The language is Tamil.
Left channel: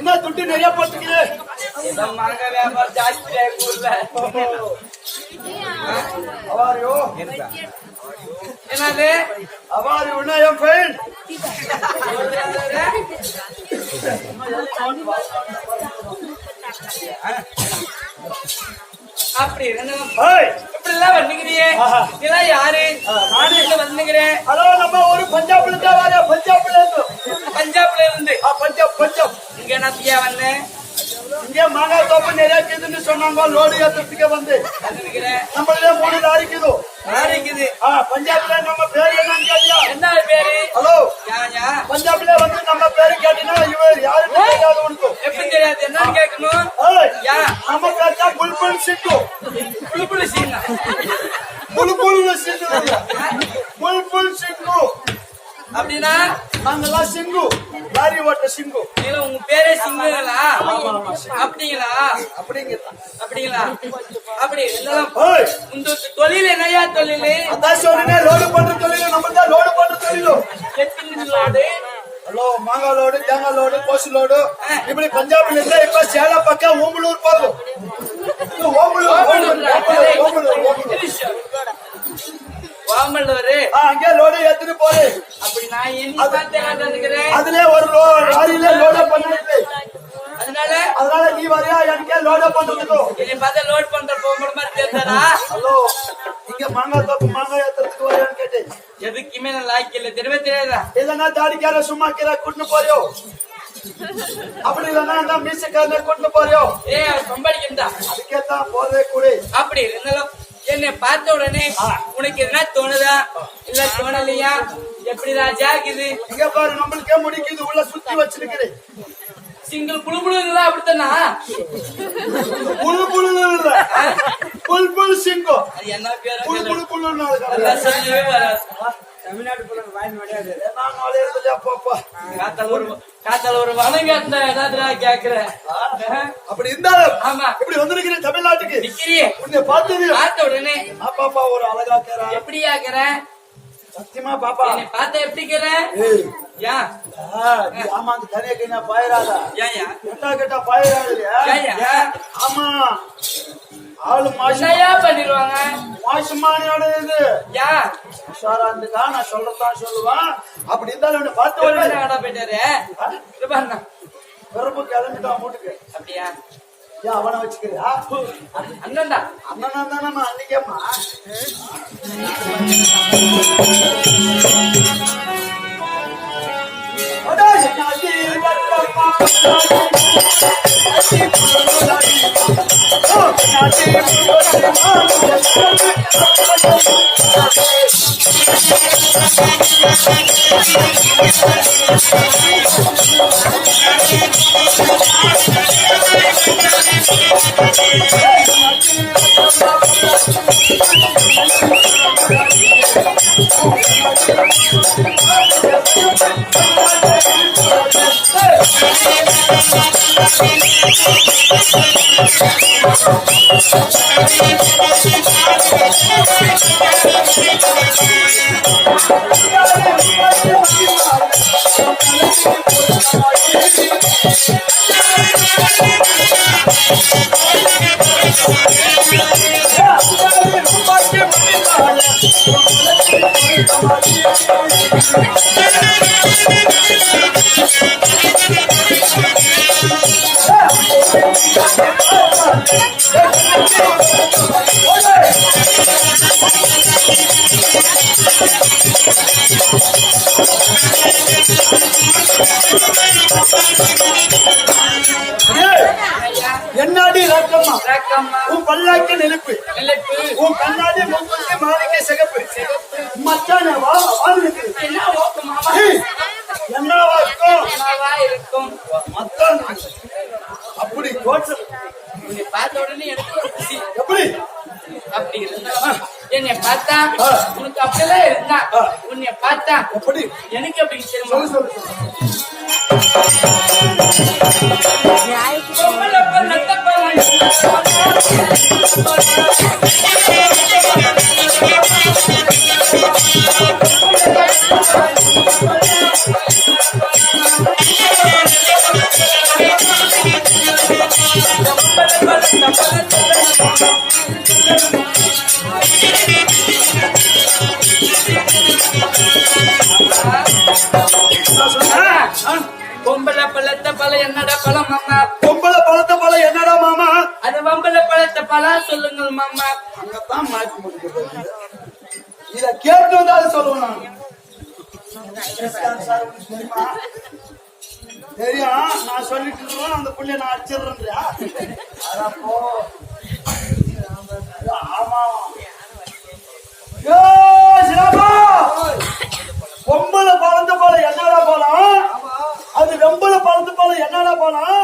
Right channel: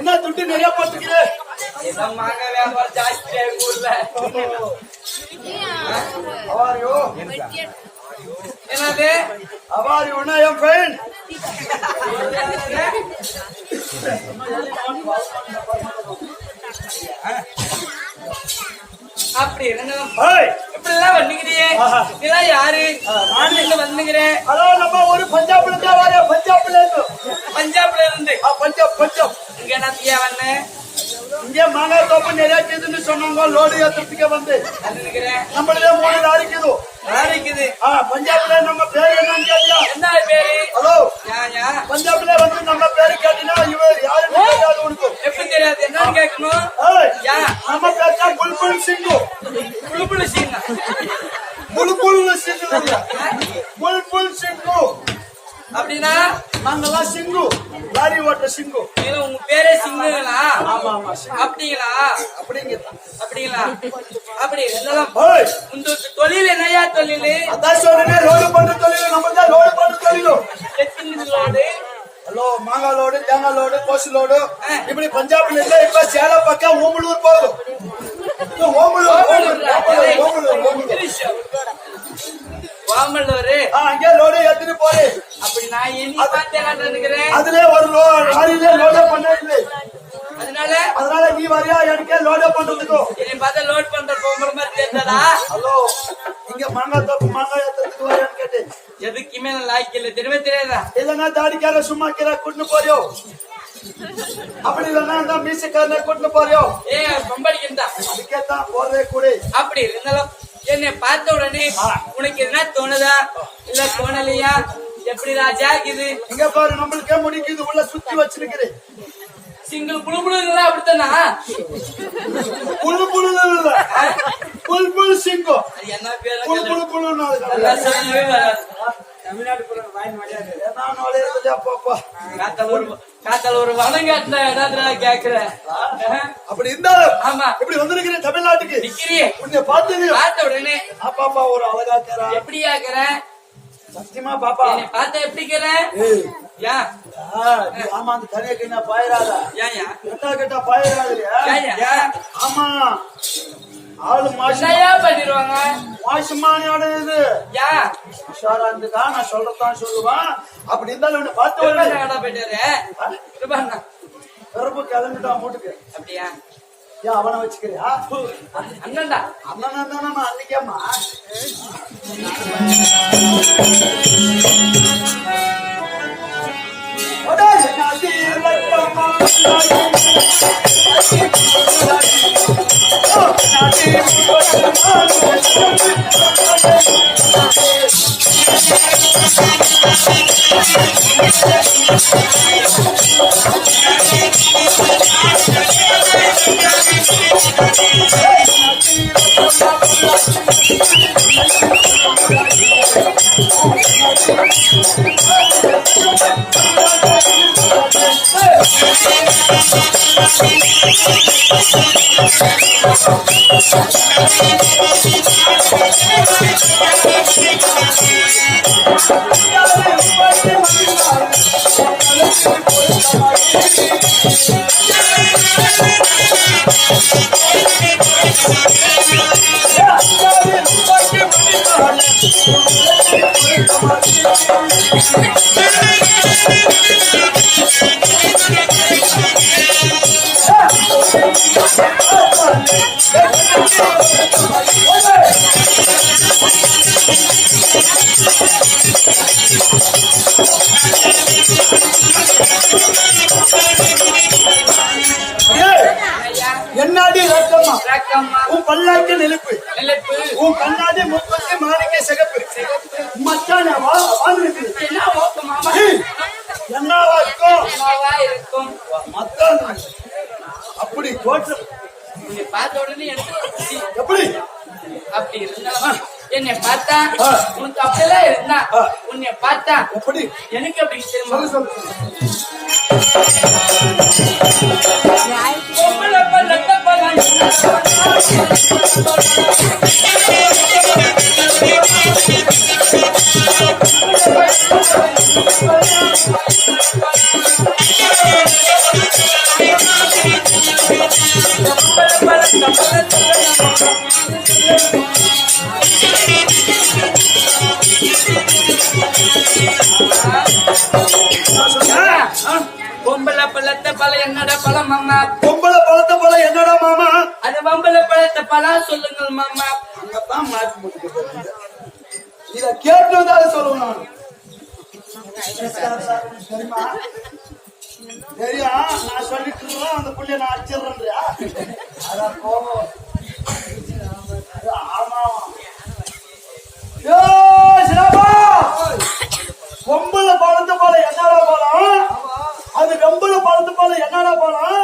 என்ன துட்டு நிறைய போட்டுருக்குது? மாங்க வியாபாரம் ஜாஸ்தி ஊர்ல. அவாரியோ என்னது அவாரியோனா என் ஃப்ரெண்ட். அப்படி இப்படி எல்லாம் வந்துக்கிறீங்க. இதெல்லாம் யாரு? நானும் வந்துக்கிறேன். ஹலோ, நம்ம ஒரு பஞ்சாப்ல இருந்தா வர. பஞ்சாப்ல இருந்து பஞ்சாப் இங்க என்னத்தியா வந்தேன்? இங்க மாங்காய் தோப்பு நிறைய இருக்குதுன்னு சொன்னாங்க. லோடு ஏத்துறதுக்கே வந்து நம்மளே 3 லாரிக்குது. பஞ்சாப்ல நம்ம பேரு என்னன்னு கேட்டியா? என்ன பேரு? ஹலோ, பஞ்சாப்ல வந்து நம்ம பேரு கேட்டீங்கன்னா இவர் யாருன்னு தெரியாது உனக்கு. எப்படி தெரியாது? என்னன்னு கேட்கணும். நம்ம பேர் தான் புல்புல் சிங்கு. புல்புல் சிங். புல்புல் சிங்கு அப்படின்னா நாங்கெல்லாம் சிங்கு, லாரி ஓட்ட சிங்கு. உங்க பேரே சிங்குங்களா? ஆமா. அப்படிங்களா? அப்படிங்களா? அப்படி இந்த தொழில் என்னையா தொழில்? அதான் சொல்றேன், லோடு பண்ற தொழில். நம்ம தான் லோடு பண்ற தொழிலும். எத்தனை லோடு? ஹலோ, மாங்காய் லோடு, தேங்காய் லோடு, கோசு லோடு. இப்படி பஞ்சாப்ல இருந்தா இப்ப சேலம் பக்கம் ஓம்பலூர் போகும். அங்கே லோடு எடுத்துட்டு போறே. அப்படி நான் என்ன பார்த்தேன். அதுல ஒரு லாரியில லோட பண்ண இல்லை. அதனால நீ வரையா எனக்கே லோட பண்றதுக்கும். என்னை பார்த்தா லோட் பண்ற பொம்பளை மாதிரி தெரியாதா? ஹலோ, இங்க மாங்காய் தோப்பு மாங்காய் ஏத்துறதுக்கு வரையான்னு கேட்டேன். எதுக்குமே நான் லாய்க்கு இல்லை. தெரியாதா? இல்லன்னா தாடிக்கார சும்மா கீரை கூட்டின்னு போறியோ? அப்படி இல்லன்னா மீசக்காரன கூட்டின்னு போறியோ? சம்பாதிக்கிறதா? அதுக்கேத்தான் போறதே கூட. அப்படி இருந்தாலும் என்னை பார்த்த உடனே உனக்கு எதுனா தோணுதா இல்ல தோணலையா? எப்படி ராஜா இது? இங்க பாரு, நம்மளுக்கே முடிக்குது, உள்ள சுத்தி வச்சிருக்கிறேன். சிங்கிள் புழுபுழுலாம் அப்படித்தானா? புழு புழு இல்ல, புல் புல் சிங்கம். அது என்ன பேரு? புழு புழு புழுன்னு அதெல்லாம் சொல்லவே வராது. தமிழ்நாட்டு புலன் வாய் மாட்டாது. நான் நுழையிறதுல அப்பா காத்தால ஒரு வனங்காட்டின இடத்துல கேக்குறேன். அப்படி இருந்தாலும் ஆமா, இப்படி வந்திருக்கிறேன் தமிழ்நாட்டுக்கு. நிக்கிறியே உன்னை பார்த்தது பார்த்த உடனே பாப்பா ஒரு அழகா கேரா. எப்படி ஆக்குறேன்? சத்தியமா பாப்பா என்னை பார்த்த எப்படிக்கிறேன்? ஏன் ஆமா, அந்த தனியா கையா பாயிராதா? ஏன் கெட்டா கெட்டா பாயிராது இல்லையா? ஆமா, ஆளு என்னையா பண்ணிடுவாங்க? மாசுமானியோட இது ஏன் உஷாரா இருந்துக்கா, நான் சொல்றதான் சொல்லுவான். அப்படி இருந்தாலும் உன்னை பார்த்து போயிட்டாரு கிருபாண்ணா. பிறப்பு கிளம்பிட்டான் வீட்டுக்கு. அப்படியா? ஏன் அவனை வச்சுக்கிறியா? அண்ணன்டா. அண்ணனா தானே நான் அன்னைக்கேம்மா. என்னாடி ரக்கம்மா ரக்கம்மா உன் பல்லாக்கு நெருப்பு நெருப்பு உன் கண்ணாடி முப்பத்தி மாணிக்க சிகப்பு மச்சான வாழ்ந்துருக்கு என்ன ஓக்கமாமா என்னவா இருக்கும் என்னவா இருக்கும் மச்சான் அப்படி தோற்றம் உன்னை பார்த்த உடனே எனக்கு ஒரு குசி எப்படி அப்படி இருந்தாலும் என்னை பார்த்தா உனக்கு அப்படியெல்லாம் இருந்தா உன்னை பார்த்தா எப்படி எனக்கு எப்படி தெரியுமா பொம்பளை பழத்த பழம் என்னடா பழம் மாமா பொம்பளை பழத்த பழம் என்னடா மாமா அது பொம்பளை பழத்த பழம் சொல்லுங்கள் மாமா அங்கதான் மாற்றி முடிக்கிறது இத கேட்டு வந்தாலும் சொல்லுவேன் நான் தெரியும் நான் சொல்லிட்டு இருக்கேன் அந்த புள்ளைய நான் அடிச்சிடுறேன்றியா அதான் போவோம் ஆமா பொம்பளை பழந்த போல என்னடா போலாம் அது வெம்பளை பழந்த போல என்னடா போலாம்